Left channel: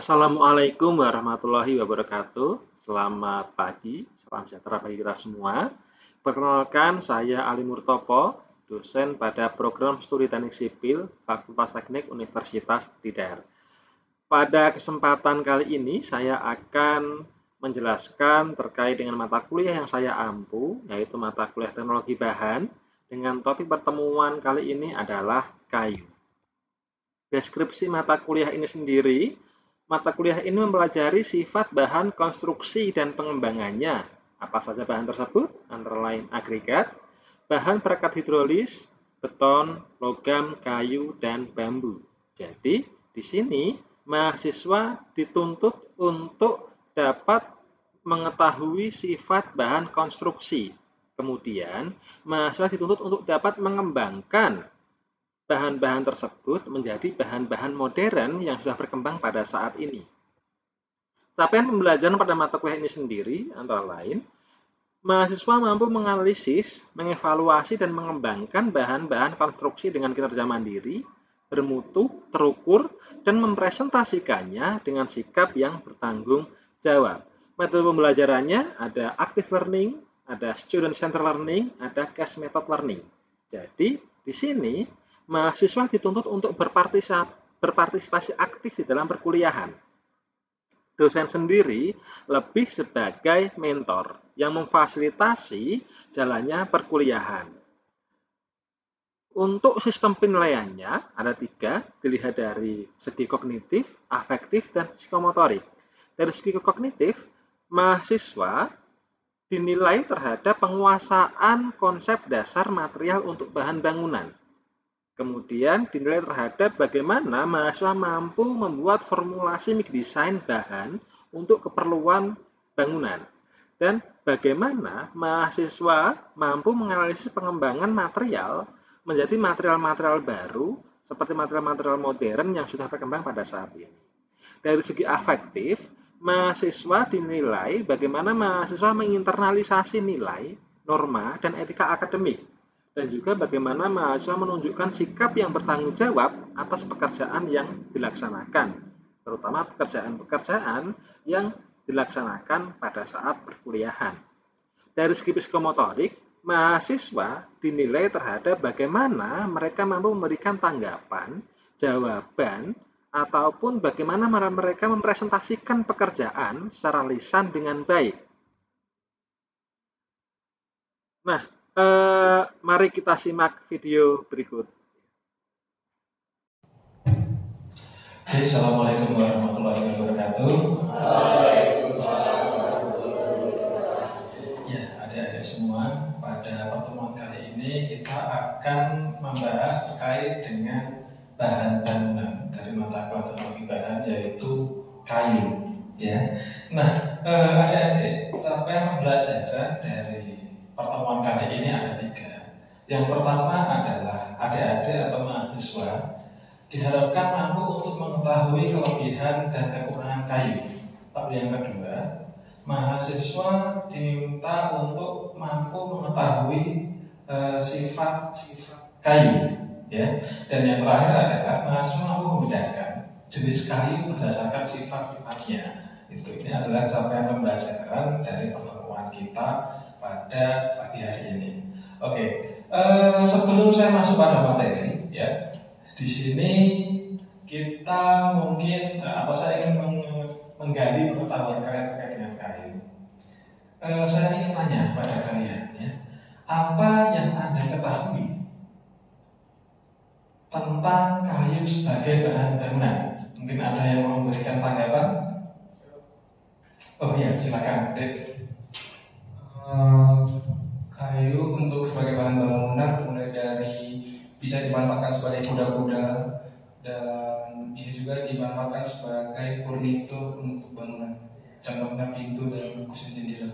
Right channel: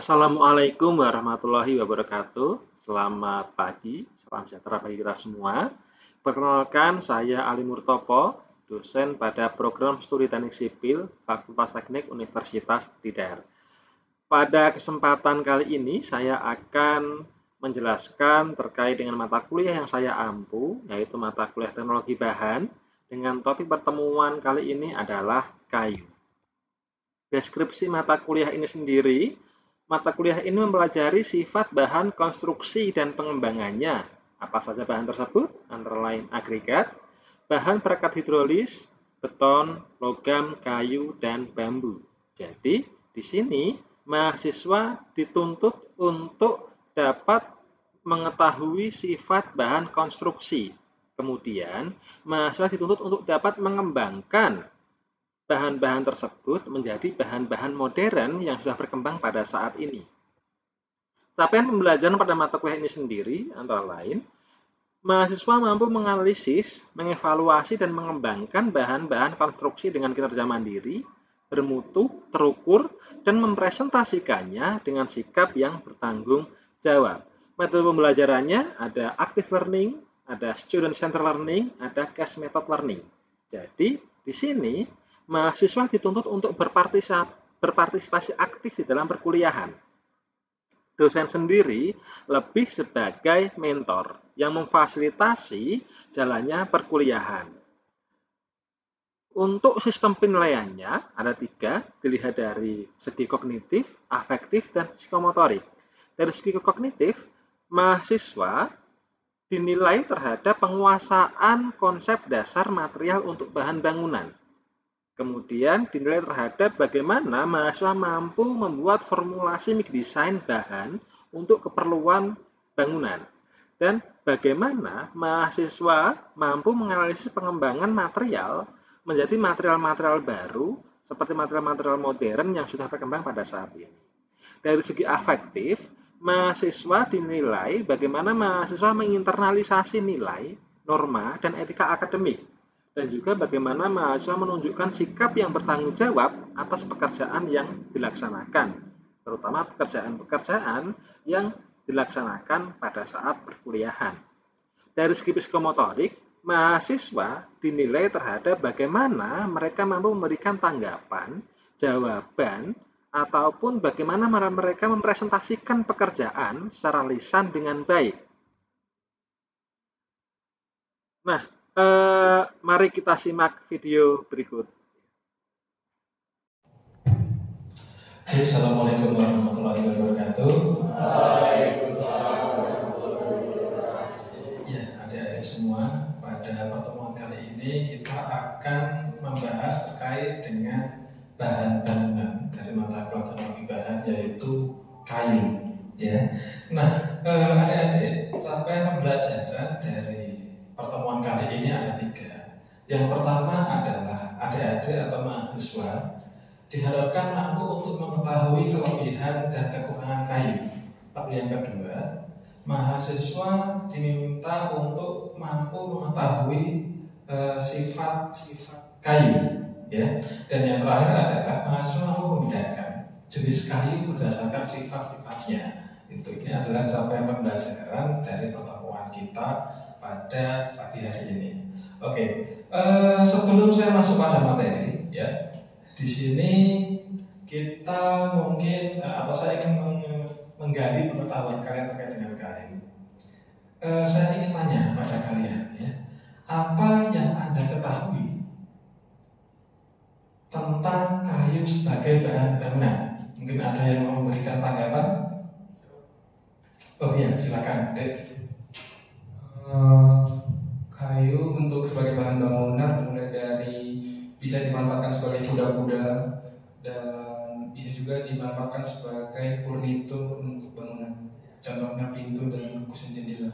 Assalamualaikum warahmatullahi wabarakatuh. Selamat pagi, salam sejahtera bagi kita semua. Perkenalkan, saya Ali Murtopo, dosen pada program studi teknik sipil Fakultas Teknik Universitas Tidar. Pada kesempatan kali ini, saya akan menjelaskan terkait dengan mata kuliah yang saya ampu, yaitu mata kuliah teknologi bahan, dengan topik pertemuan kali ini adalah kayu. Deskripsi mata kuliah ini sendiri, mata kuliah ini mempelajari sifat bahan konstruksi dan pengembangannya. Apa saja bahan tersebut? Antara lain agregat, bahan perekat hidrolis, beton, logam, kayu, dan bambu. Jadi, di sini mahasiswa dituntut untuk dapat mengetahui sifat bahan konstruksi. Kemudian, mahasiswa dituntut untuk dapat mengembangkan bahan-bahan tersebut menjadi bahan-bahan modern yang sudah berkembang pada saat ini. Capaian pembelajaran pada mata kuliah ini sendiri antara lain, mahasiswa mampu menganalisis, mengevaluasi, dan mengembangkan bahan-bahan konstruksi dengan kinerja mandiri, bermutu, terukur, dan mempresentasikannya dengan sikap yang bertanggung jawab. Metode pembelajarannya ada active learning, ada student centered learning, ada case method learning. Jadi, di sini mahasiswa dituntut untuk berpartisipasi aktif di dalam perkuliahan. Dosen sendiri lebih sebagai mentor yang memfasilitasi jalannya perkuliahan. Untuk sistem penilaiannya ada 3, dilihat dari segi kognitif, afektif, dan psikomotorik. Dari segi kognitif, mahasiswa dinilai terhadap penguasaan konsep dasar material untuk bahan bangunan. Kemudian dinilai terhadap bagaimana mahasiswa mampu membuat formulasi desain bahan untuk keperluan bangunan. Dan bagaimana mahasiswa mampu menganalisis pengembangan material menjadi material-material baru seperti material-material modern yang sudah berkembang pada saat ini. Dari segi afektif, mahasiswa dinilai bagaimana mahasiswa menginternalisasi nilai, norma, dan etika akademik. Dan juga bagaimana mahasiswa menunjukkan sikap yang bertanggung jawab atas pekerjaan yang dilaksanakan, terutama pekerjaan-pekerjaan yang dilaksanakan pada saat perkuliahan. Dari segi psikomotorik, mahasiswa dinilai terhadap bagaimana mereka mampu memberikan tanggapan, jawaban, ataupun bagaimana mereka mempresentasikan pekerjaan secara lisan dengan baik. Nah, mari kita simak video berikut. Assalamualaikum warahmatullahi wabarakatuh. Ya, adik-adik semua, pada pertemuan kali ini kita akan membahas terkait dengan bahan bangunan dari mata kuliah teknologi bahan, yaitu kayu. Ya, nah, adik-adik, capaian pembelajaran dari pertemuan kali ini ada 3. Yang pertama adalah adik-adik atau mahasiswa diharapkan mampu untuk mengetahui kelebihan dan kekurangan kayu. Tapi yang kedua, mahasiswa diminta untuk mampu mengetahui sifat-sifat kayu. Ya. Dan yang terakhir adalah mahasiswa mampu membedakan jenis kayu berdasarkan sifat-sifatnya. Ini adalah capaian pembelajaran dari pertemuan kita pada pagi hari ini. Oke, sebelum saya masuk pada materi, ya, di sini kita mungkin atau saya ingin menggali pengetahuan kalian terkait dengan kayu. Saya ingin tanya pada kalian, ya, apa yang Anda ketahui tentang kayu sebagai bahan bangunan? Mungkin ada yang mau memberikan tanggapan? Oh iya, silakan, Dek. Kayu untuk sebagai bahan bangunan mulai dari bisa dimanfaatkan sebagai kuda-kuda dan bisa juga dimanfaatkan sebagai furnitur untuk bangunan. Contohnya pintu dan kusen jendela.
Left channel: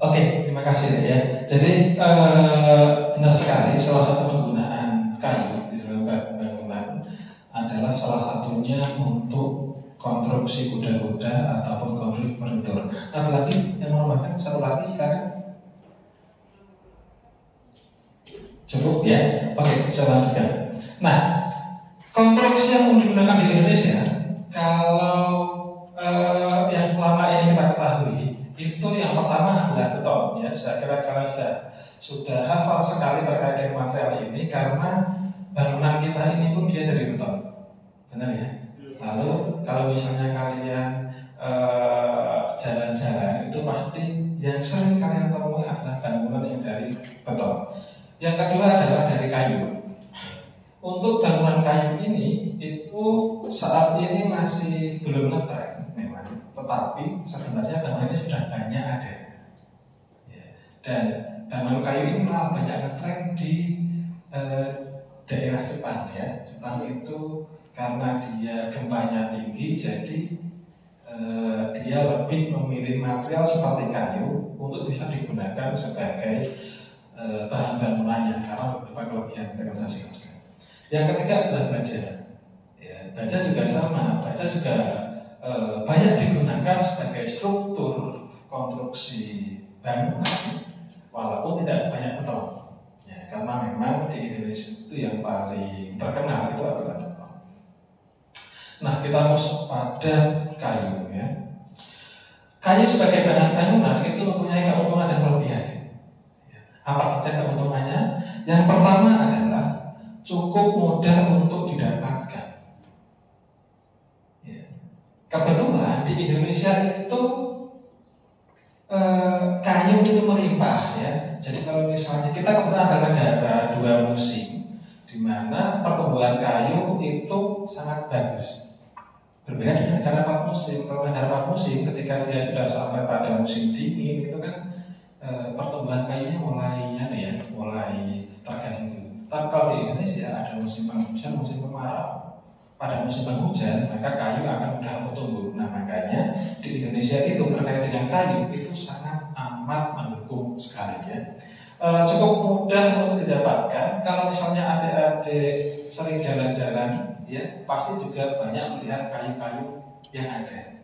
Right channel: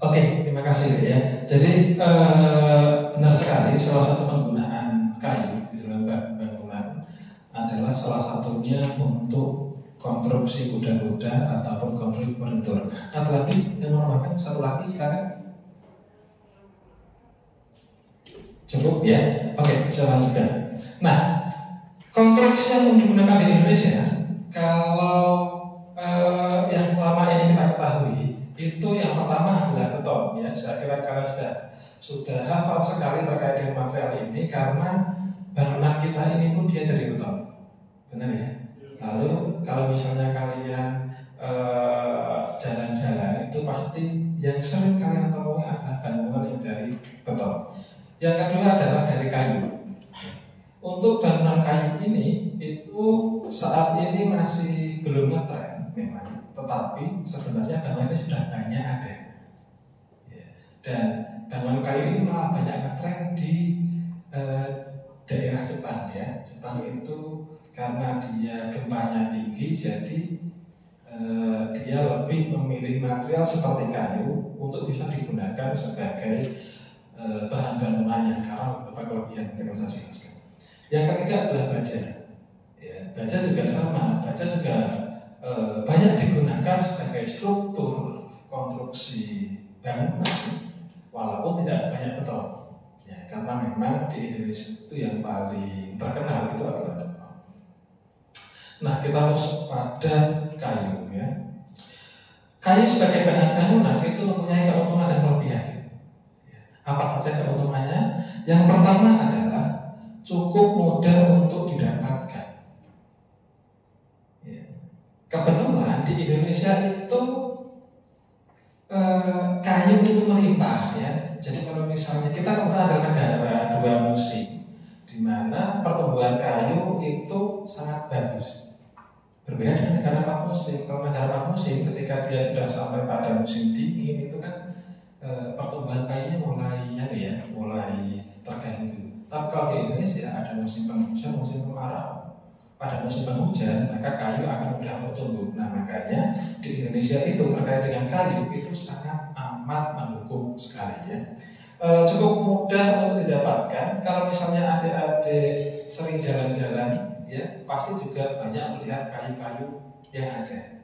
Oke, terima kasih ya. Jadi benar sekali, salah satu penggunaan kayu di dalam bangunan adalah salah satunya untuk konstruksi kuda-kuda ataupun konstruksi furnitur. Satu lagi yang mau makan, satu lagi silakan. Cukup ya? Oke, saya lanjutkan. Nah, konstruksi yang digunakan di Indonesia ya. Saya kira kalian sudah hafal sekali terkait dengan material ini karena bangunan kita ini pun dia dari beton, benar ya. Lalu kalau misalnya kalian jalan-jalan itu pasti yang sering kalian temui adalah bangunan yang dari beton. Yang kedua adalah dari kayu. Untuk bangunan kayu ini itu saat ini masih belum ngetren memang, tetapi sebenarnya bangunan ini sudah banyak ada. Ya. Dan bangunan kayu ini malah banyak ngetren di daerah Jepang ya. Jepang itu karena dia gempanya tinggi, jadi dia lebih memilih material seperti kayu untuk bisa digunakan sebagai bahan bangunannya karena beberapa kelebihan yang saya jelaskan. Yang ketiga adalah baja. Ya, baja juga sama. Baja juga banyak digunakan sebagai struktur konstruksi bangunan, walaupun tidak sebanyak beton. Ya, karena memang di Indonesia itu yang paling terkenal itu adalah beton. Nah, kita masuk pada kayu ya. Kayu sebagai bahan bangunan itu mempunyai keuntungan dan kelebihan. Apa saja keuntungannya? Yang pertama adalah cukup mudah untuk didapatkan. Ya. Kebetulan di Indonesia itu kayu itu melimpah ya. Jadi kalau misalnya kita kebetulan adalah negara dua musim, di mana pertumbuhan kayu itu sangat bagus. Berbeda dengan negara 4 musim. Kalau negara 4 musim, ketika dia sudah sampai pada musim dingin, itu kan pertumbuhan kayunya mulai terganggu. Tapi kalau di Indonesia ada musim penghujan, musim kemarau. Pada musim penghujan, maka kayu akan mudah untuk tumbuh. Nah, makanya di Indonesia itu terkait dengan kayu itu sangat amat mendukung sekali ya. Cukup mudah untuk didapatkan. Kalau misalnya adik-adik sering jalan-jalan, ya pasti juga banyak melihat kayu-kayu yang ada,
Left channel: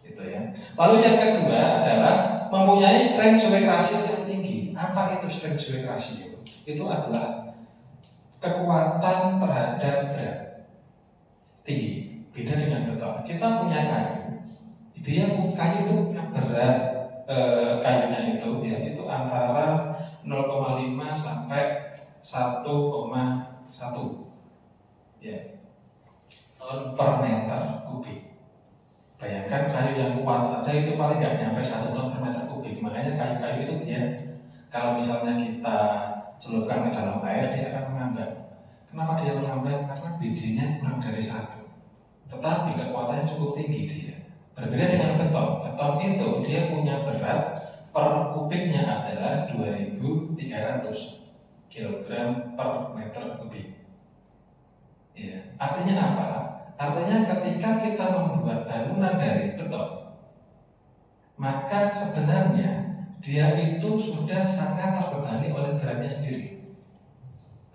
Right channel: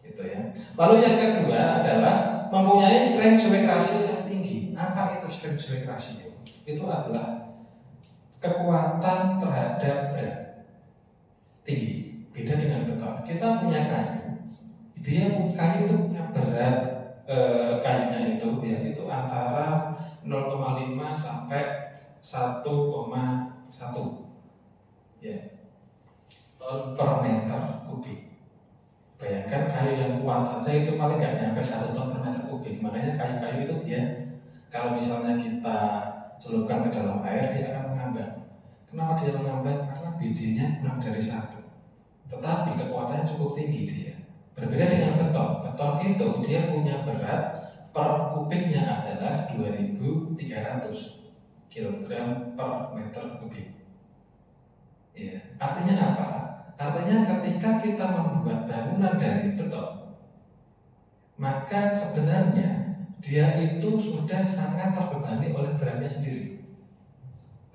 gitu ya. Lalu yang kedua adalah mempunyai strength weight ratio yang tinggi. Apa itu strength weight ratio? Itu adalah kekuatan terhadap berat tinggi. Beda dengan beton. Kita punya kayu, kayu itu punya berat kayunya itu ya itu antara 0,5 sampai 1,1 ya ton per meter kubik. Bayangkan kayu yang kuat saja itu paling nggak nyampe 1 ton per meter kubik. Makanya kayu-kayu itu dia kalau misalnya kita celupkan ke dalam air dia akan mengambang. Kenapa dia mengambang? Karena bijinya kurang dari 1. Tetapi kekuatannya cukup tinggi dia. Berbeda dengan beton. Beton itu dia punya berat per kubiknya adalah 2.300 kg per meter kubik. Ya, artinya apa? Artinya ketika kita membuat bangunan dari beton, maka sebenarnya dia itu sudah sangat terbebani oleh beratnya sendiri.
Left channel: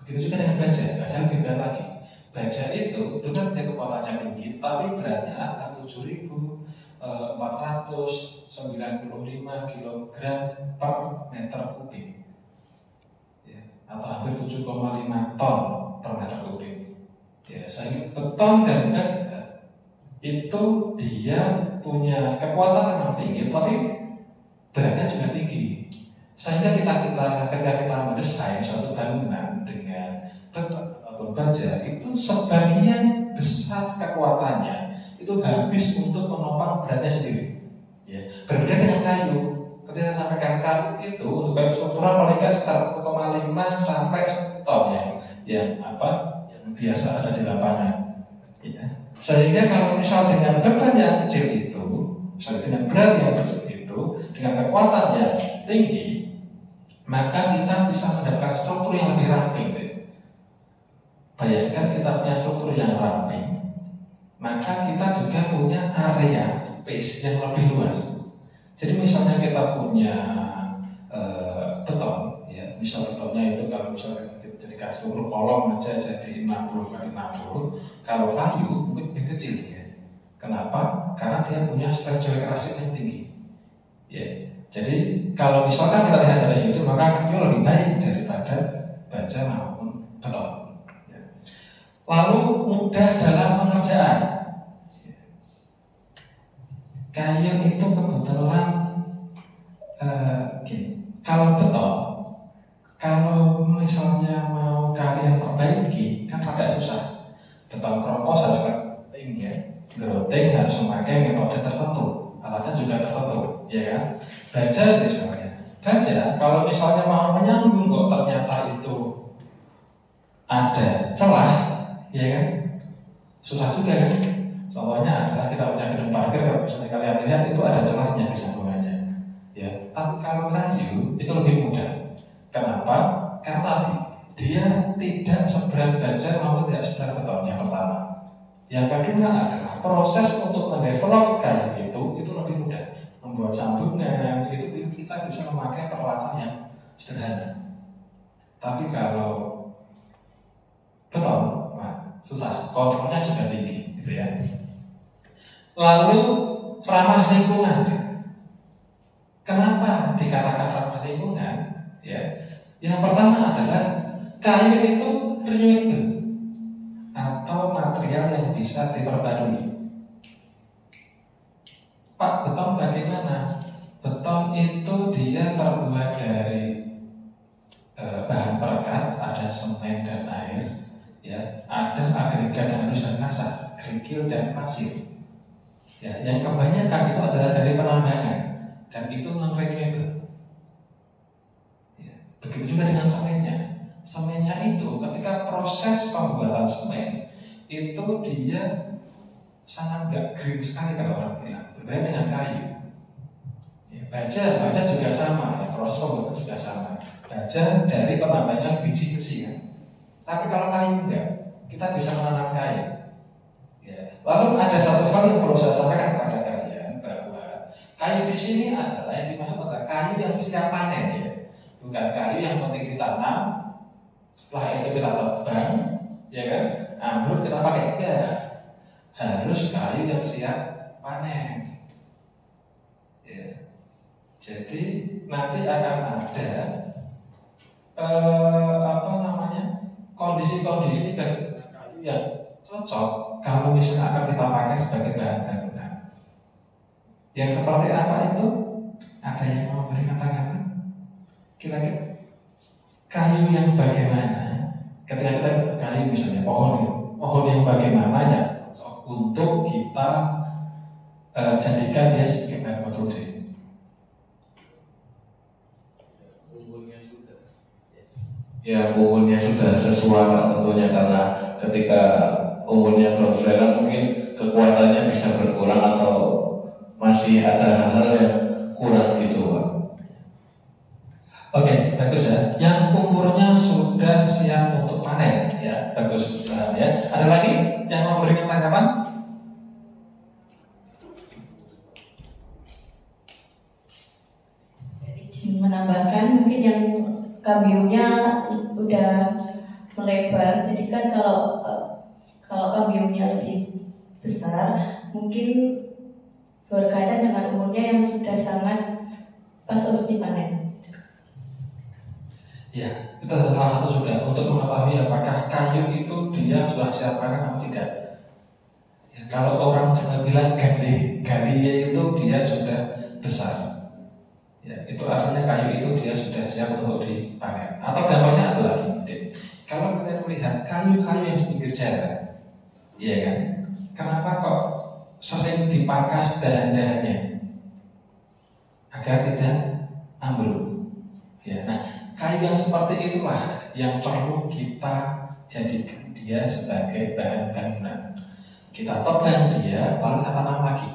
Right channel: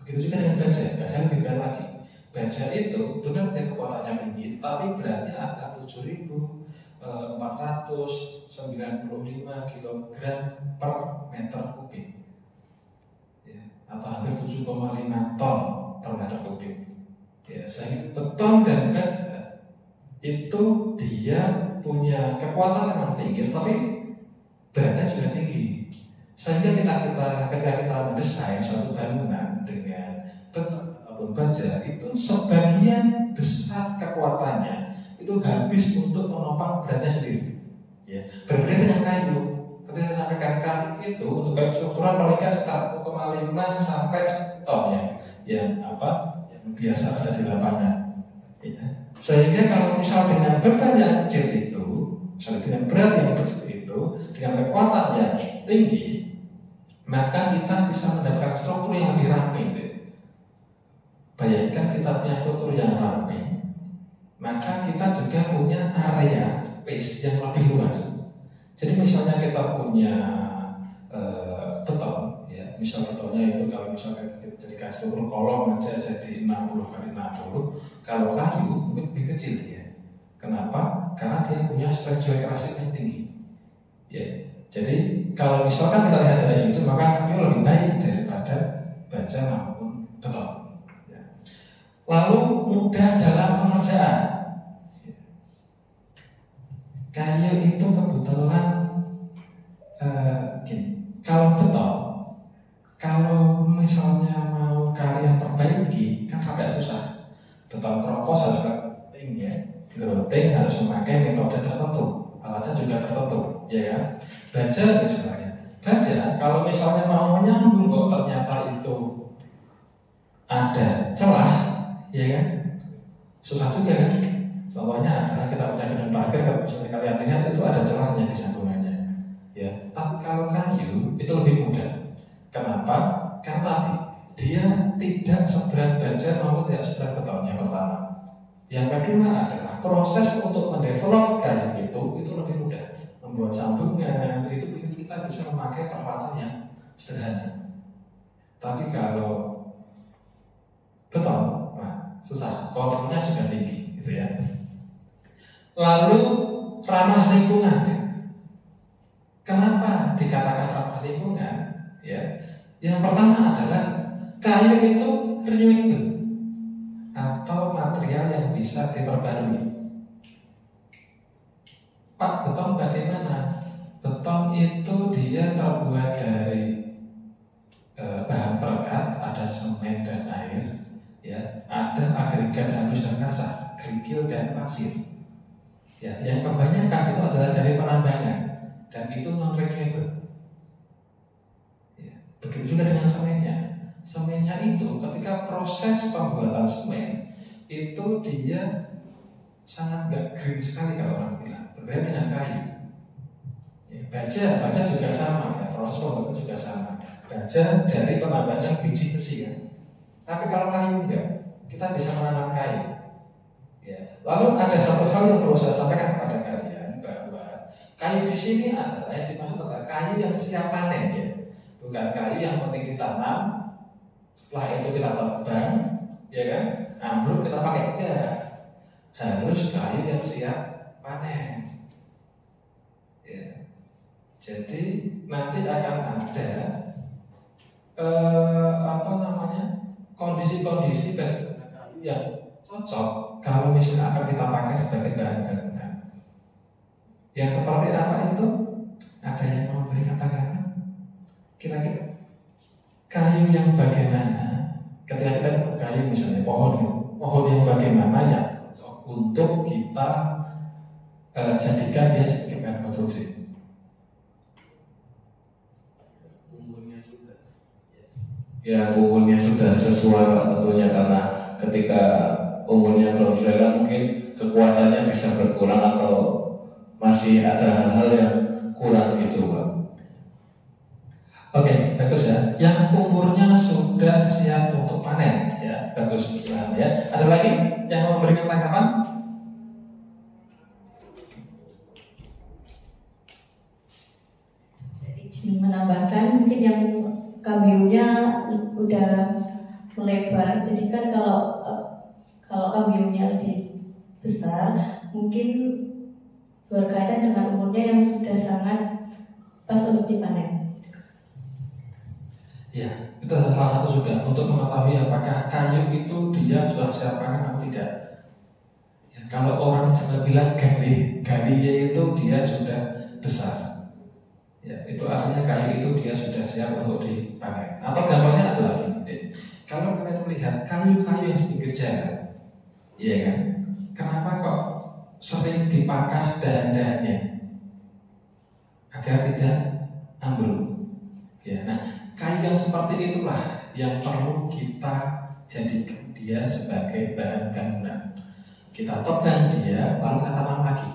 Begitu juga dengan baja. Baja lebih berat lagi. Baja itu benar dia kekuatannya tinggi, tapi beratnya adalah 7.495 kg per meter kubik, ya, atau hampir 7,5 ton per meter kubik. Ya, sehingga beton dan baja itu dia punya kekuatan memang tinggi, tapi beratnya juga tinggi. Sehingga ketika kita mendesain suatu bangunan dengan beton ataupun baja, itu sebagian besar kekuatannya itu habis untuk menopang beratnya sendiri. Ya, berbeda dengan kayu. Ketika saya sampaikan kayu itu untuk kayu struktural paling nggak sekitar 0,5 sampai ton yang biasa ada di lapangan. Ya. Sehingga kalau misal dengan beban yang kecil itu, misalnya dengan berat yang kecil itu, dengan kekuatan yang tinggi, maka kita bisa mendapatkan struktur yang lebih ramping. Bayangkan kita punya struktur yang ramping, maka kita juga punya area space yang lebih luas. Jadi misalnya kita punya beton, ya, misal betonnya itu kalau misalnya jadikan struktur kolom aja jadi 60 kali 60, kalau kayu mungkin lebih kecil ya. Kenapa? Karena dia punya strength weight ratio yang tinggi. Ya, jadi kalau misalkan kita lihat dari situ, maka kayu lebih baik daripada baja maupun beton. Ya. Lalu mudah dalam pengerjaan. Kayu itu kebetulan Growting harus memakai metode tertentu, alatnya juga tertentu, ya kan? Baja misalnya, baja kalau misalnya mau menyambung kok ternyata itu ada celah, ya kan? Susah juga kan? Contohnya adalah kita punya gedung parkir, kalau misalnya kalian lihat itu ada celahnya di sambungannya, ya. Tapi kalau kayu itu lebih mudah. Kenapa? Karena tadi dia tidak seberat baja maupun tidak seberat beton, yang pertama. Yang kedua adalah proses untuk mendevelop kayu itu lebih mudah. Membuat sambungan itu kita bisa memakai peralatan yang sederhana. Tapi kalau beton, nah, susah. Kontrolnya juga tinggi, gitu ya. Lalu ramah lingkungan. Kenapa dikatakan ramah lingkungan? Ya, yang pertama adalah kayu itu renewable atau material yang bisa diperbarui. Pak, beton bagaimana? Beton itu dia terbuat dari bahan perekat, ada semen dan air, ya, ada agregat halus dan kasar, kerikil dan pasir. Ya, yang kebanyakan itu adalah dari penambangan dan itu non renewable. Ya, begitu juga dengan semennya. Semennya itu ketika proses pembuatan semen itu dia sangat gak green sekali kalau orang bilang. Berbeda dengan kayu. Ya, baja juga sama, ya, proses pembuatan juga sama. Baja dari penambangan biji besi kan. Tapi kalau kayu enggak, kita bisa menanam kayu. Ya. Lalu ada satu hal yang perlu saya sampaikan kepada kalian bahwa kayu di sini adalah yang dimaksud adalah kayu yang siap panen, ya. Bukan kayu yang penting ditanam, setelah itu kita tebang, ya kan? Ambruk kita pakai enggak. Harus kayu yang siap panen. Ya. Jadi nanti akan ada kondisi-kondisi bagi kayu yang cocok kalau misalnya akan kita pakai sebagai bahan bangunan. Yang seperti apa itu? Ada yang mau beri kata-kata? Kira-kira kayu yang bagaimana? Ketika kita kayu misalnya pohon yang bagaimana ya cocok untuk kita jadikan dia sebagai bahan konstruksi. Ya, umurnya sudah sesuai tentunya, karena ketika umurnya belum sesuai kan mungkin kekuatannya bisa berkurang atau masih ada hal-hal yang kurang gitu, Pak. Oke, bagus ya. Yang umurnya sudah siap untuk panen, ya, bagus. Ya. Ada lagi yang mau memberikan tanggapan? Jadi menambahkan mungkin yang kambiumnya udah melebar, jadi kan kalau kambiumnya lebih besar, mungkin berkaitan dengan umurnya yang sudah sangat pas untuk dipanen. Ya, itu salah satu sudah untuk mengetahui apakah kayu itu dia sudah siap panen atau tidak. Ya, kalau orang Jawa bilang galinya itu dia sudah besar. Ya, itu artinya kayu itu dia sudah siap untuk dipanen. Atau gampangnya ada lagi mungkin. Kalau kalian melihat kayu-kayu yang di pinggir jalan, iya kan? Kenapa kok sering dipangkas dahan-dahannya agar tidak ambruk? Ya, nah kayu yang seperti itulah yang perlu kita jadikan dia sebagai bahan bangunan. Kita tebang dia, lalu kita tanam lagi.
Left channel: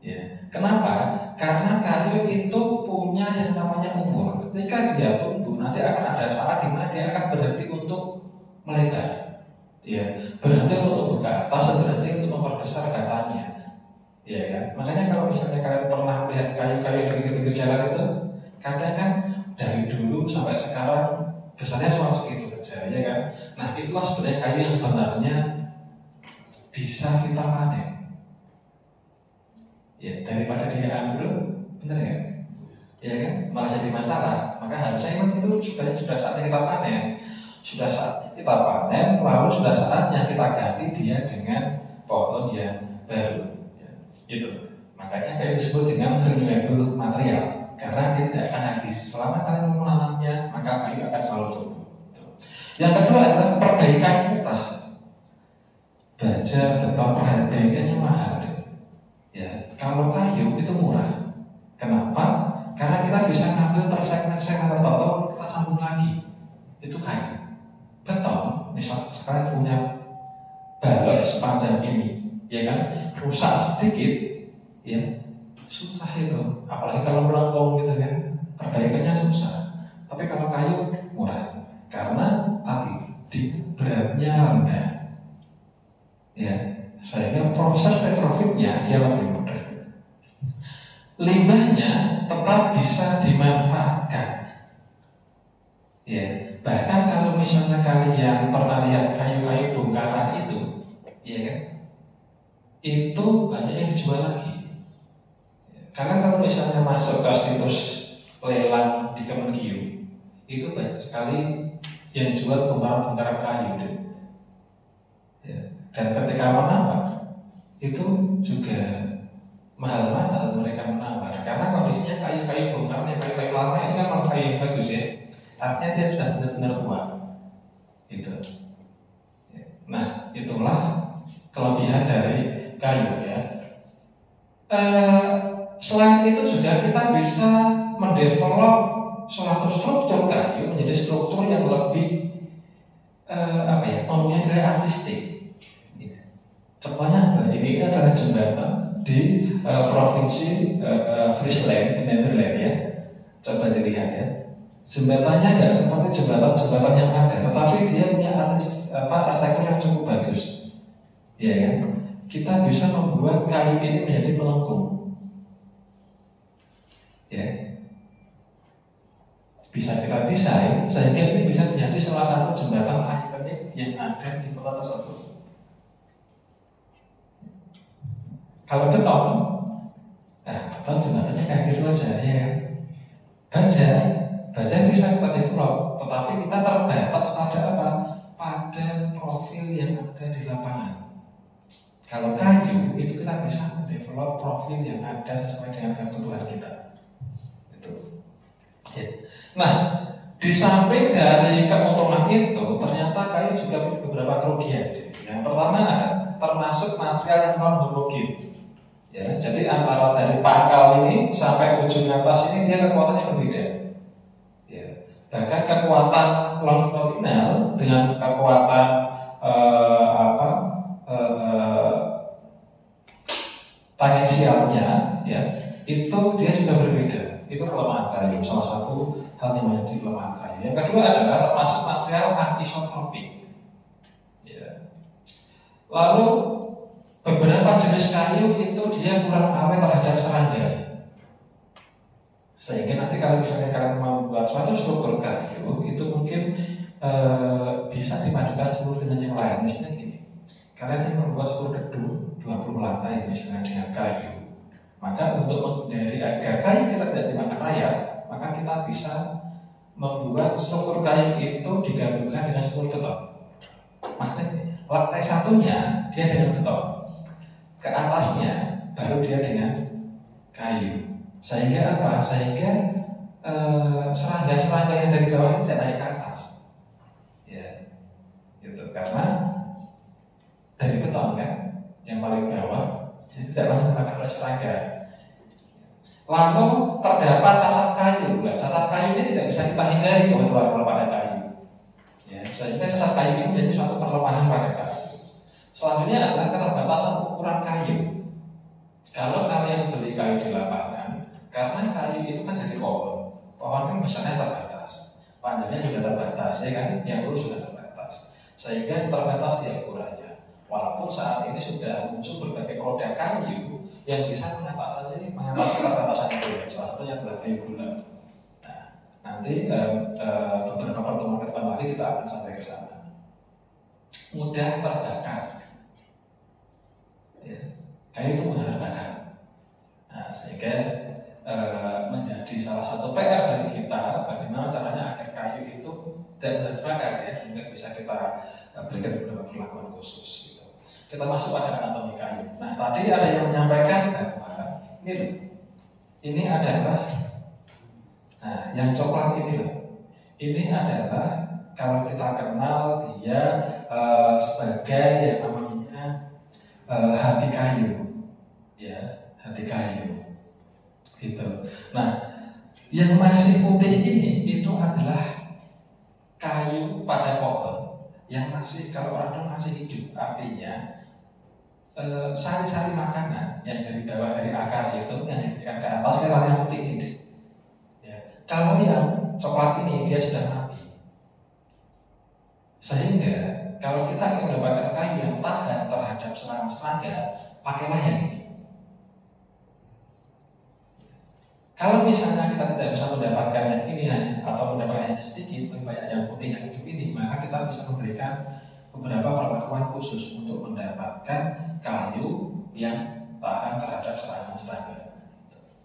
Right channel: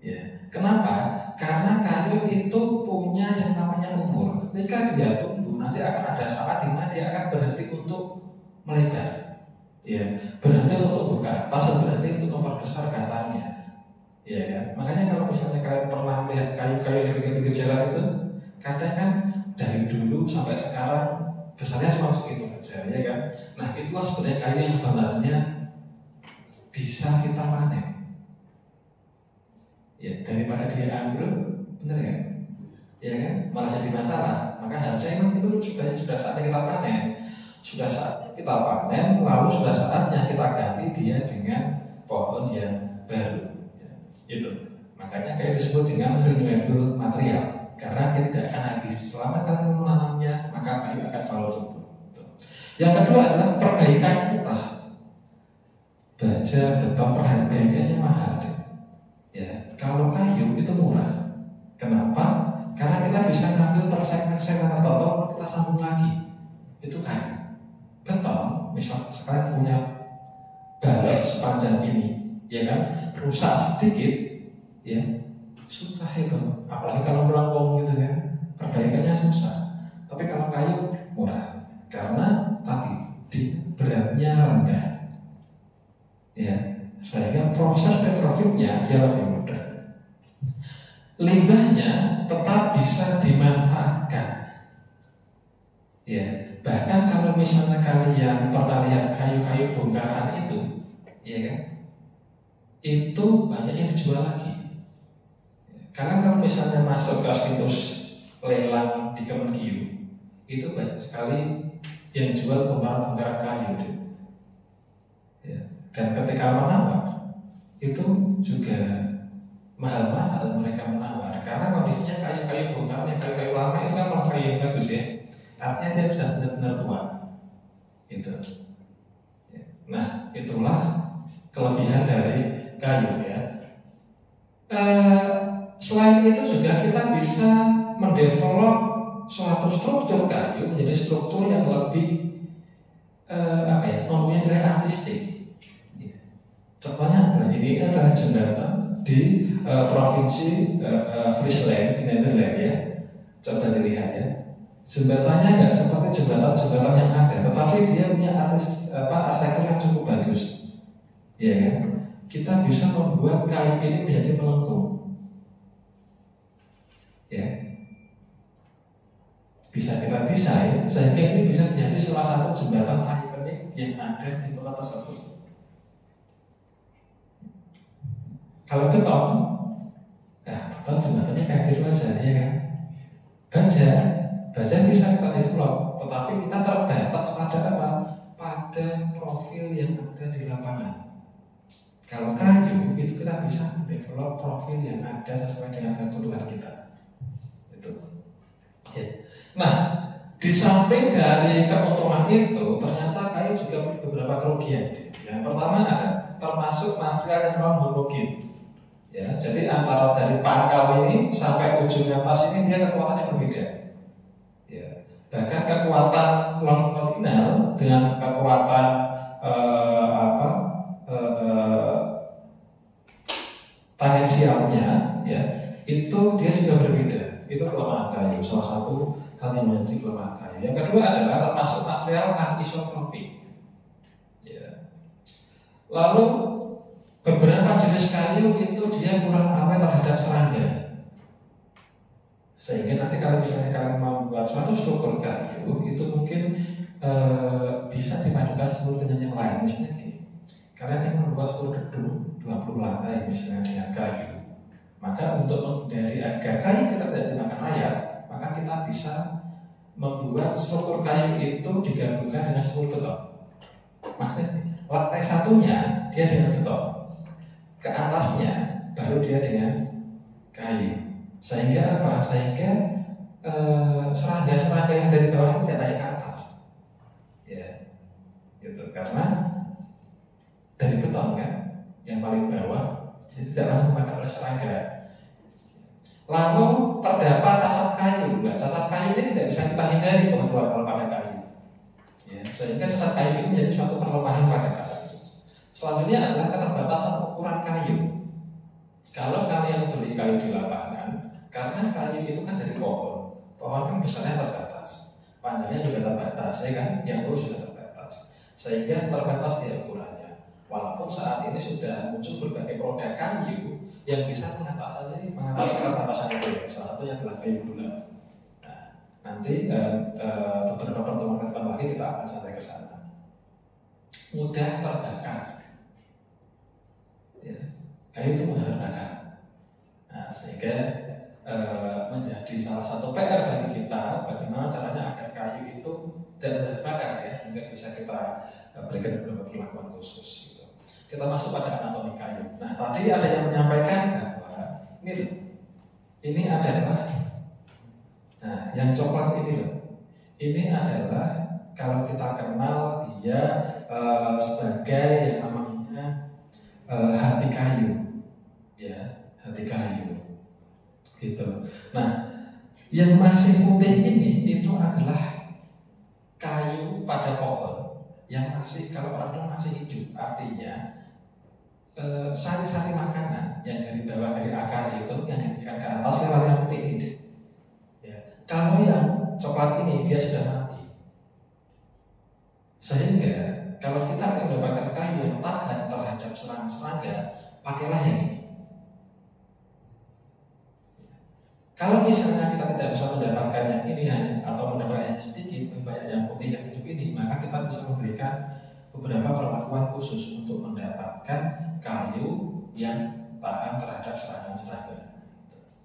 Ya, kenapa? Karena kayu itu punya yang namanya umur. Ketika dia tumbuh, nanti akan ada saat di mana dia akan berhenti untuk melebar, ya, berhenti untuk buka atas dan berhenti untuk memperbesar batangnya, ya kan? Makanya kalau misalnya kalian pernah melihat kayu-kayu di pinggir-pinggir jalan itu, kadang kan dari dulu sampai sekarang besarnya cuma segitu saja, ya kan? Nah, itulah sebenarnya kayu yang sebenarnya bisa kita panen. Ya, daripada dia ambruk, benar kan? Ya kan? Malah jadi masalah. Maka harusnya memang itu sudah saatnya kita panen. Sudah saatnya kita panen, lalu sudah saatnya kita ganti dia dengan pohon yang baru. Ya, itu. Makanya kayu disebut dengan renewable material, karena dia tidak akan habis. Selama kalian menanamnya, maka kayu akan selalu tumbuh. Yang kedua adalah perbaikan murah. baja, beton, harganya mahal. Ya, kalau kayu itu murah. Kenapa? Karena kita bisa ngambil per segmen-segmen tertentu, kita sambung lagi. Itu kayu. Beton, misal sekarang punya balok sepanjang ini, ya kan, rusak sedikit, ya susah itu. Apalagi kalau melengkung gitu kan, perbaikannya susah. Tapi kalau kayu murah, karena tadi beratnya rendah, ya, sehingga proses retrofitnya dia lebih mudah. Limbahnya tetap bisa dimanfaatkan. Ya, bahkan kalau misalnya kalian pernah lihat kayu-kayu bongkaran itu, ya kan, itu banyak yang dijual lagi. Karena kalau misalnya masuk ke situs lelang di Kemenkeu, itu banyak sekali yang jual bongkaran-bongkaran kayu. Ya. Dan ketika menawar, itu juga mahal-mahal mereka menawar. Karena kondisinya kayu-kayu bongkaran, yang kayu-kayu lama itu kan memang kayu yang bagus ya. Artinya dia sudah benar-benar tua. Itu. Nah, itulah kelebihan dari kayu ya. Selain itu juga kita bisa mendevelop suatu struktur kayu menjadi struktur yang lebih mempunyai nilai artistik. Contohnya ini adalah jembatan di provinsi Friesland di Nederland ya. Coba dilihat ya. Jembatannya nggak seperti jembatan-jembatan yang ada, tetapi dia punya arsitektur yang cukup bagus. Ya kan? Kita bisa membuat kayu ini menjadi melengkung. Ya. Bisa kita desain sehingga ini bisa menjadi salah satu jembatan ikonik yang ada di kota tersebut. Kalau beton, beton jembatannya kayak gitu aja ya kan. Baja bisa kita develop, tetapi kita terbatas pada apa? Pada profil yang ada di lapangan. Kalau kayu itu kita bisa develop profil yang ada sesuai dengan kebutuhan kita. Itu. Ya. Nah, di samping dari keuntungan itu, ternyata kayu juga punya beberapa kerugian. Yang pertama ada termasuk material yang non homogen. Ya, jadi antara dari pangkal ini sampai ujung atas ini dia kekuatannya berbeda. Ya, bahkan kekuatan longitudinal dengan kekuatan tangensialnya, ya, itu dia sudah berbeda. Itu kelemahan kayu. Salah satu hal yang menjadi kelemahan kayu. Yang kedua adalah termasuk material anisotropik. Ya. Lalu beberapa jenis kayu itu dia kurang awet terhadap serangga. Sehingga nanti kalau misalnya kalian membuat suatu struktur kayu, itu mungkin bisa dipadukan seluruh dengan yang lain. Misalnya gini, kalian yang membuat suatu gedung 20 lantai misalnya dengan kayu, maka untuk menghindari agar kayu kita tidak dimakan rayap, maka kita bisa membuat struktur kayu itu digabungkan dengan struktur beton. Maksudnya lantai satunya dia dengan beton, ke atasnya baru dia dengan kayu. Sehingga apa? Sehingga serangga-serangga yang dari bawah tidak naik ke atas. Ya, itu karena dari beton kan, yang paling bawah, jadi tidak banyak dimakan oleh serangga. Lalu terdapat cacat kayu. Nah, cacat kayu ini tidak bisa kita hindari kalau pada kayu. Ya, sehingga cacat kayu ini menjadi suatu perlemahan pada kayu. Selanjutnya adalah keterbatasan ukuran kayu. Kalau kalian beli kayu di lapangan, karena kayu itu kan dari pohon kan besarnya terbatas, panjangnya juga terbatas, ya kan? Yang lurus juga terbatas, sehingga terbatas di ukurannya. Walaupun saat ini sudah muncul berbagai produk kayu yang bisa mengatasi keterbatasan itu. Salah satunya adalah kayu bulat. Nah, nanti beberapa pertemuan ke depan lagi kita akan sampai ke sana. Mudah terbakar. Ya, kayu itu mudah terbakar. Nah, sehingga menjadi salah satu PR bagi kita bagaimana caranya agar kayu itu tidak terbakar ya, sehingga bisa kita berikan beberapa perlakuan khusus gitu. Kita masuk pada anatomi kayu. Nah, tadi ada yang menyampaikan bahwa ini adalah yang coklat ini loh. Ini adalah kalau kita kenal dia sebagai yang namanya hati kayu, ya, hati kayu. Gitu. Nah, yang masih putih ini itu adalah kayu pada pohon yang masih, kalau orang masih hidup, artinya sari-sari makanan yang dari bawah, dari akar itu yang diberikan ke atas lewat yang putih ini. Ya. Kalau yang coklat ini dia sudah mati, sehingga kalau kita ingin mendapatkan kayu yang tahan terhadap serangan serangga, pakailah yang ini. Kalau misalnya kita tidak bisa mendapatkan yang ini atau mendapatkan yang sedikit, lebih banyak yang putih yang hidup ini, maka kita bisa memberikan beberapa perlakuan khusus untuk mendapatkan kayu yang tahan terhadap serangan serangga.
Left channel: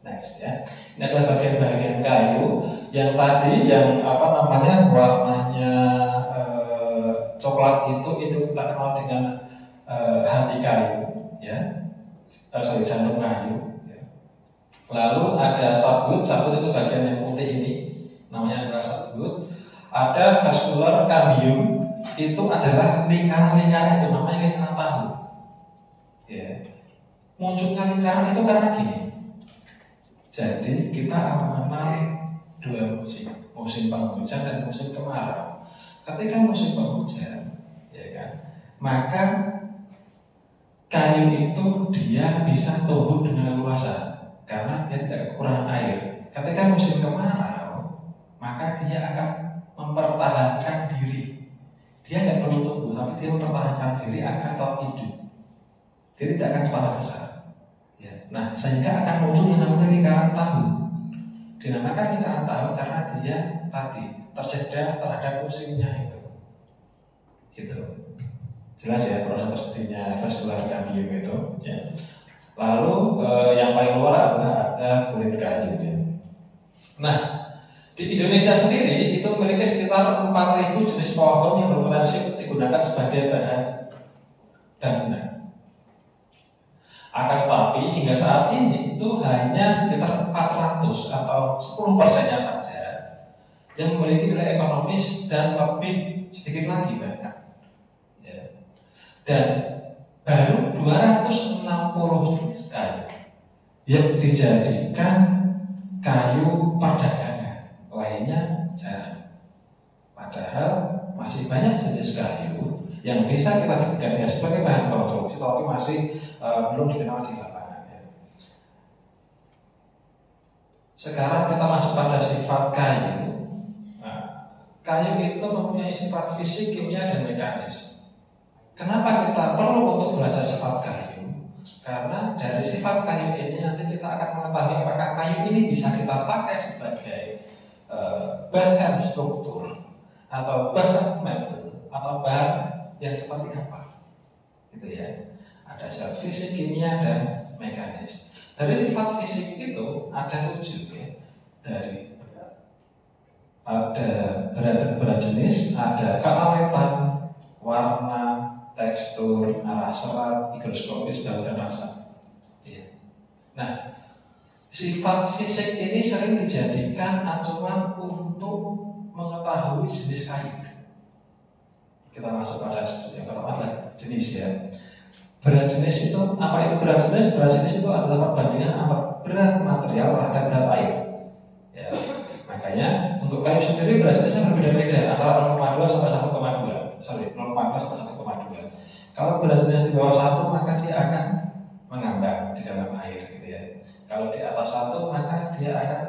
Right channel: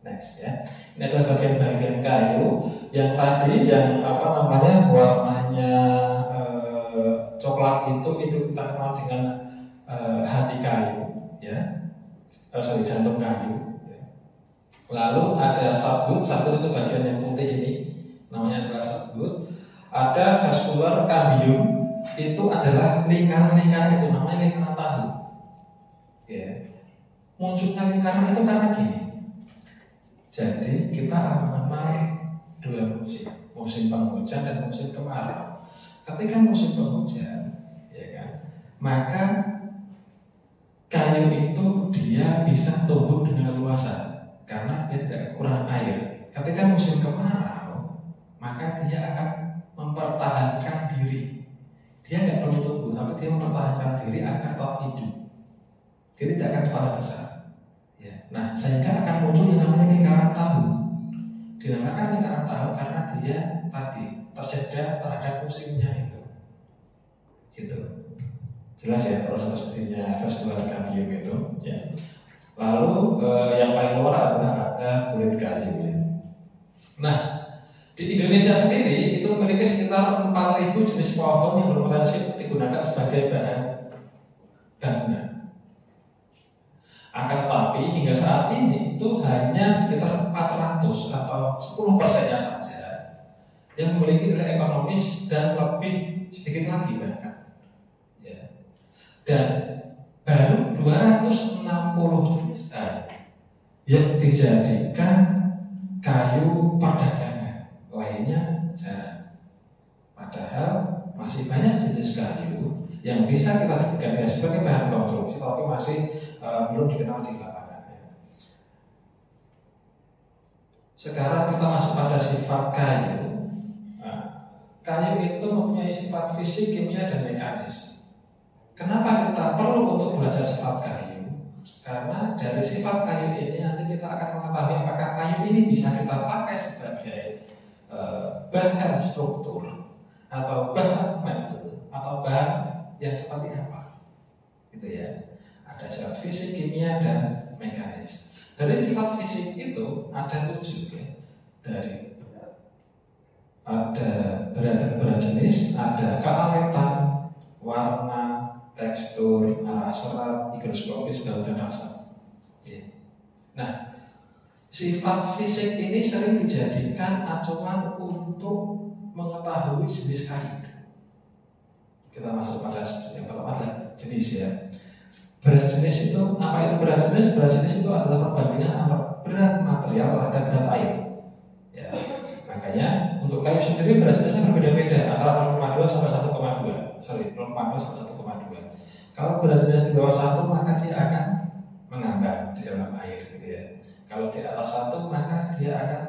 Next ya, ini adalah bagian-bagian kayu yang tadi yang warnanya coklat itu kita kenal dengan hati kayu, ya, jantung kayu. Lalu ada sabut itu bagian yang putih ini, namanya adalah sabut. Ada vascular cambium, itu adalah lingkaran-lingkaran itu, namanya lingkaran tahu. Ya. Munculnya lingkaran itu karena gini. Jadi kita mengenal dua musim penghujan dan musim kemarau. Ketika musim penghujan, ya kan, maka kayu itu dia bisa tumbuh dengan luasa. Karena dia tidak kekurangan air. Ketika musim kemarau, maka dia akan mempertahankan diri. Dia tidak perlu tumbuh, tapi dia mempertahankan diri agar tetap hidup. Dia tidak akan tambah besar. Ya. Nah, sehingga akan muncul yang namanya lingkaran tahu. Dinamakan lingkaran tahu karena dia tadi tersedia terhadap musimnya itu. Gitu. Jelas ya proses terjadinya vascular cambium itu. Ya. Lalu yang paling luar adalah ada kulit kayu. Ya. Nah, di Indonesia sendiri itu memiliki sekitar 4.000 jenis pohon yang berpotensi digunakan sebagai bahan bangunan. Akan tetapi hingga saat ini itu hanya sekitar 400 atau 10%-nya saja yang memiliki nilai ekonomis dan lebih sedikit lagi bahkan. Ya. Dan baru 260 jenis kayu yang dijadikan kayu perdagangan, lainnya jarang. Padahal masih banyak jenis kayu yang bisa kita jadikan sebagai bahan konstruksi, tapi masih belum dikenal di lapangan. Sekarang kita masuk pada sifat kayu. Nah, kayu itu mempunyai sifat fisik, kimia, dan mekanis. Kenapa kita perlu untuk belajar sifat kayu? Karena dari sifat kayu ini nanti kita akan mengetahui apakah kayu ini bisa kita pakai sebagai bahan struktur atau bahan mebel atau bahan yang seperti apa. Gitu ya. Ada sifat fisik, kimia, dan mekanis. Dari sifat fisik itu ada 7 ya. Dari ada berat jenis, ada keawetan, warna, tekstur, arah serat, higroskopis, bau dan rasa. Ya. Nah, sifat fisik ini sering dijadikan acuan untuk mengetahui jenis kayu. Kita masuk pada yang pertama adalah jenis ya. Berat jenis itu, apa itu berat jenis? Berat jenis itu adalah perbandingan antara berat material terhadap berat air. Ya. Makanya untuk kayu sendiri berat jenisnya berbeda-beda antara 0,2 sampai 1,2. 0,2 sampai 1,2. Kalau berat jenis di bawah 1 maka dia akan mengambang di dalam air gitu ya. Kalau di atas 1 maka dia akan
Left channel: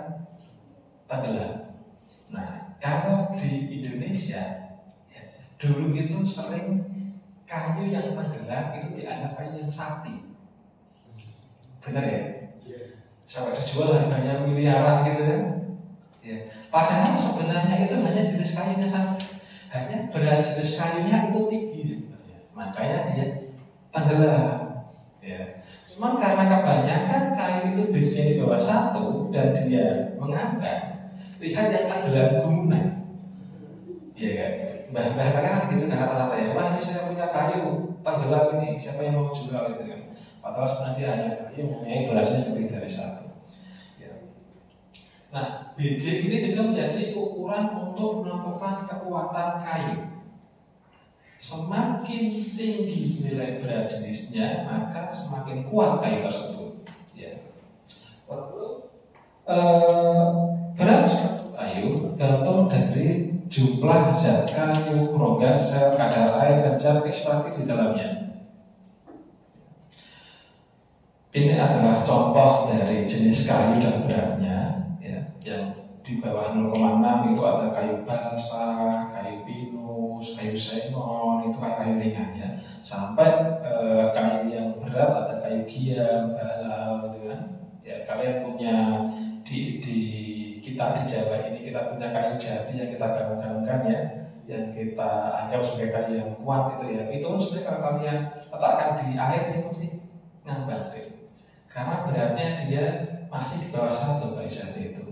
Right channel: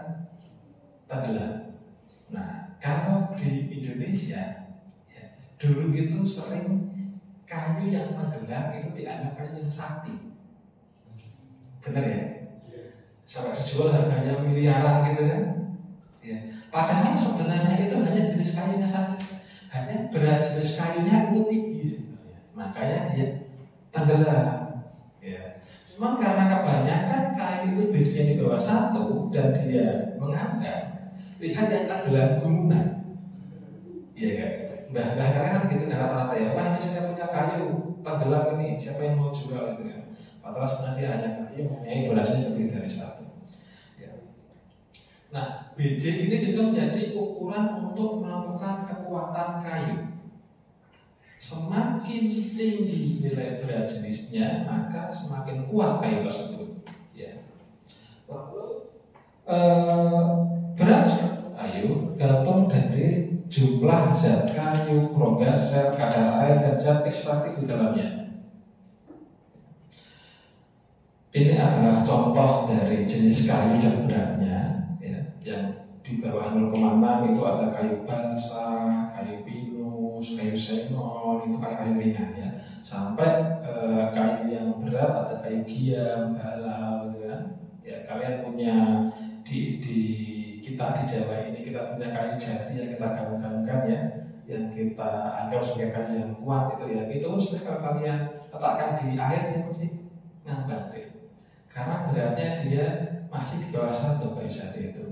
tenggelam. Nah, kalau di Indonesia ya, dulu itu sering kayu yang tenggelam itu dianggap kayu yang sakti. Benar ya? Sampai dijual harganya miliaran gitu kan? Ya. Padahal sebenarnya itu hanya jenis kayunya saja. Hanya berat jenis kayunya itu tinggi sebenarnya. Makanya dia tenggelam. Ya. Cuma karena kebanyakan kayu itu biasanya di bawah 1 dan dia mengambang, lihat yang tenggelam gumunan. Iya kan? Mbah kan gitu kan rata-rata ya. Wah ini saya punya kayu tenggelam ini, siapa yang mau jual itu kan? Padahal sebenarnya hanya kayu mempunyai beratnya lebih dari 1. Ya. Nah, BJ ini juga menjadi ukuran untuk menentukan kekuatan kayu. semakin tinggi nilai berat jenisnya, maka semakin kuat kayu tersebut. Ya. Lalu berat suatu kayu tergantung dari jumlah zat kayu, rongga sel, kadar air, dan zat ekstraktif di dalamnya. Ini adalah contoh dari jenis kayu dan beratnya, ya, yang di bawah 0,6 itu ada kayu balsa, kayu pinus, kayu xenon, itu kayu ringan ya. Sampai kayu yang berat ada kayu giam, balau gitu kan. Ya, kalian punya di kita di Jawa ini kita punya kayu jati yang kita gaung-gaungkan ya, yang kita anggap sebagai kayu yang kuat itu ya. Itu pun sebenarnya kalau kalian letakkan di air dia masih ngambang gitu. Karena beratnya dia masih di bawah 1 kayu jati itu.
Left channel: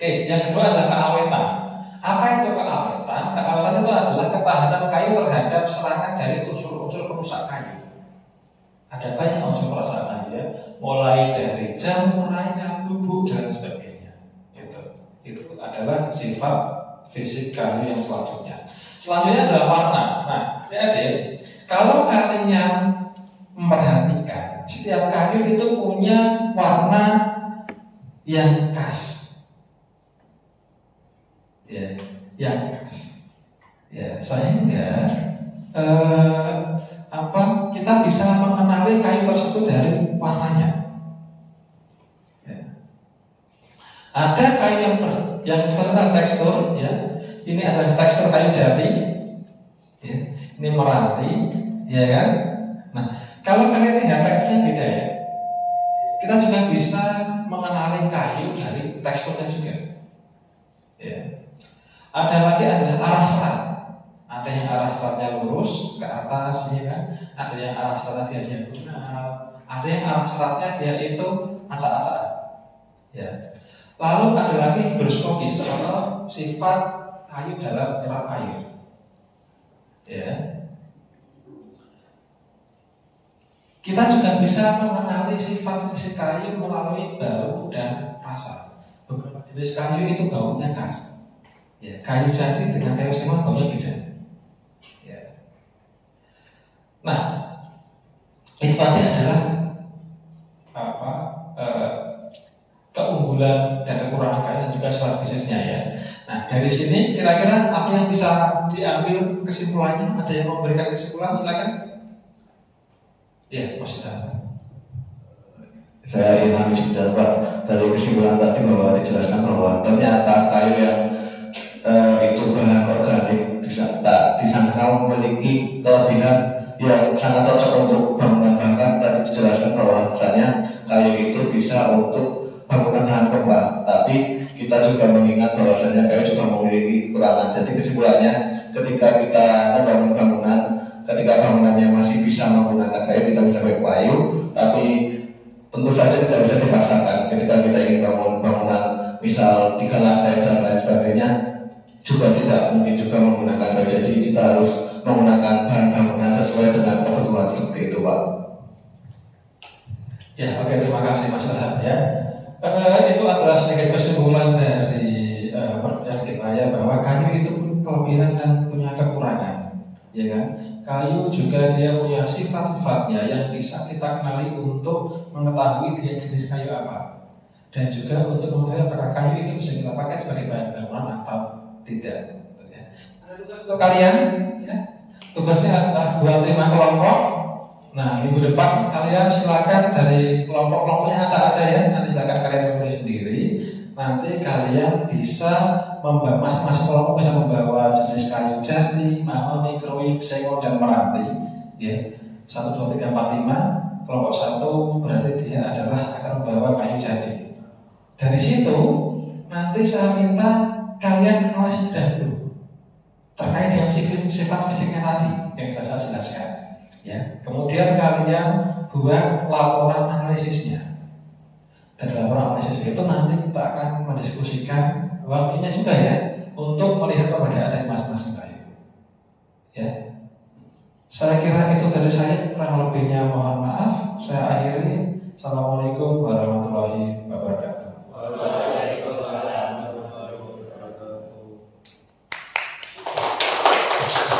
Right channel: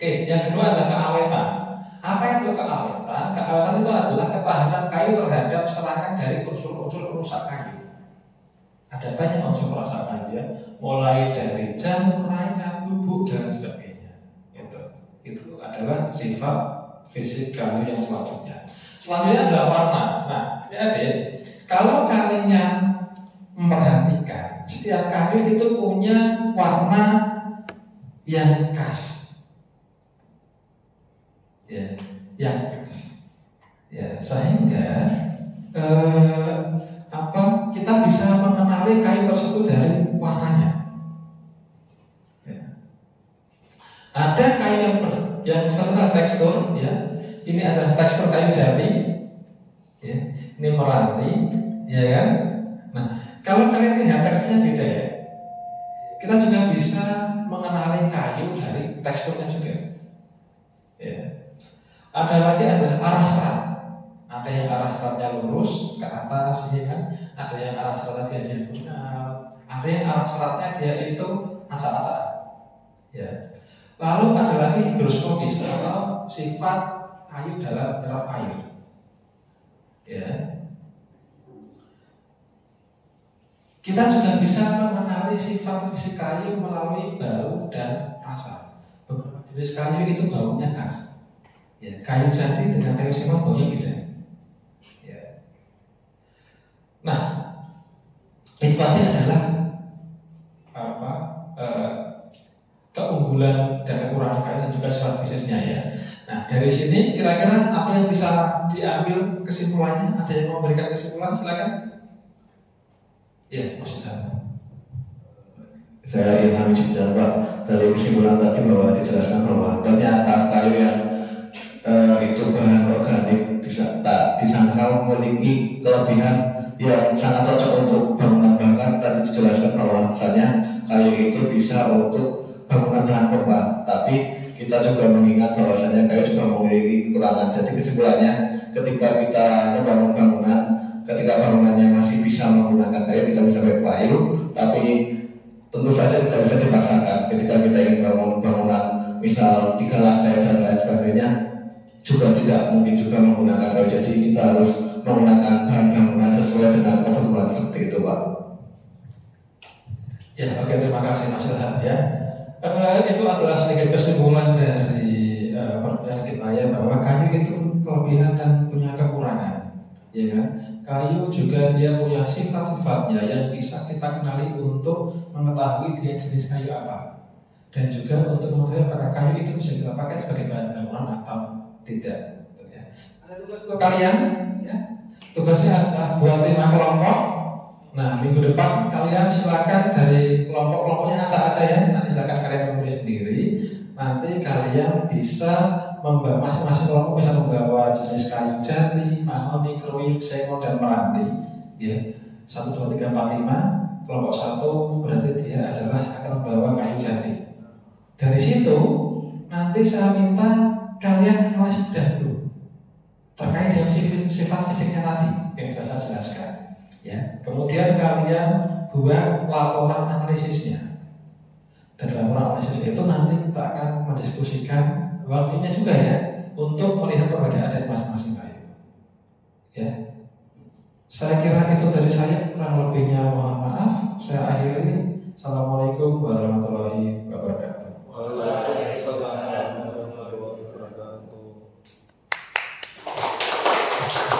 Oke, yang kedua adalah keawetan. Apa itu keawetan? Keawetan itu adalah ketahanan kayu terhadap serangan dari unsur-unsur perusak kayu. Ada banyak unsur perusak kayu ya, mulai dari jamur, rayap, bubuk dan sebagainya. Itu adalah sifat fisik kayu yang selanjutnya. Selanjutnya adalah warna. Nah, adik-adik, kalau kalian memperhatikan, setiap kayu itu punya warna yang khas. Ya, yang khas. Ya, sehingga kita bisa mengenali kayu tersebut dari warnanya. Ya. Ada kayu yang misalnya tekstur, ya. Ini adalah tekstur kayu jati. Ya. Ini meranti, ya kan? Nah, kalau kalian lihat teksturnya beda ya. Kita juga bisa mengenali kayu dari teksturnya juga. Ya. Ada lagi adalah arah serat. Ada yang arah seratnya lurus ke atas, ya kan? Ada yang arah seratnya dia diagonal. Ada yang arah seratnya dia itu acak-acak. Ya. Lalu ada lagi higroskopis atau sifat kayu dalam menyerap air. Ya. Kita juga bisa mengenali sifat fisik kayu melalui bau dan rasa. Beberapa jenis kayu itu baunya khas. Ya, kayu jati dengan kayu xenon baunya beda. Ya. Nah, itu tadi adalah keunggulan dan kekurangan kayu dan juga sifat fisiknya ya. Nah, dari sini kira-kira apa yang bisa diambil kesimpulannya? Ada yang memberikan kesimpulan? Silakan. Ya, Mas Idham. Saya ingin menjelaskan Pak, dari kesimpulan tadi bahwa dijelaskan bahwa ternyata kayu yang itu bahan organik disangka memiliki kelebihan yang sangat cocok untuk bangunan. Bahkan tadi dijelaskan bahwa misalnya kayu itu bisa untuk bangunan tahan gempa. Tapi kita juga mengingat bahwasanya kayu juga memiliki kekurangan. Jadi kesimpulannya, ketika kita membangun bangunan, ketika bangunannya masih bisa menggunakan kayu, kita bisa pakai kayu. Tapi tentu saja tidak bisa dipaksakan. Ketika kita ingin bangun bangunan misal 3 lantai dan lain sebagainya, juga tidak mungkin juga menggunakan kayu. Jadi kita harus menggunakan bahan bangunan sesuai dengan kebutuhan seperti itu, Pak. Ya, oke, terima kasih Mas Ilham ya. Itu adalah sedikit kesimpulan dari perbincangan kita ya, bahwa kayu itu kelebihan dan punya kekurangan, ya kan? Kayu juga dia punya sifat-sifatnya yang bisa kita kenali untuk mengetahui dia jenis kayu apa, dan juga untuk mengetahui apakah kayu itu bisa kita pakai sebagai bahan bangunan atau tidak. Ya. Ada tugas untuk kalian, ya. Tugasnya adalah buat 5 kelompok. Nah, minggu depan kalian silakan dari kelompok-kelompoknya aja ya. Nanti silakan kalian memilih sendiri. Nanti kalian bisa masing-masing kelompok bisa membawa jenis kayu jati, mahoni, keruik, xenon dan meranti. Ya, 1, 2, 3, 4, 5. Kelompok 1 berarti dia adalah akan membawa kayu jati. Dari situ nanti saya minta kalian analisis dahulu terkait dengan sifat fisiknya tadi yang saya jelaskan. Ya, kemudian kalian buat laporan analisisnya. Dan laporan analisis itu nanti kita akan mendiskusikan waktunya juga ya untuk melihat perbedaan dari masing-masing kayu. Ya, saya kira itu dari saya, kurang lebihnya mohon maaf. Saya akhiri. Assalamualaikum warahmatullahi wabarakatuh. kasih.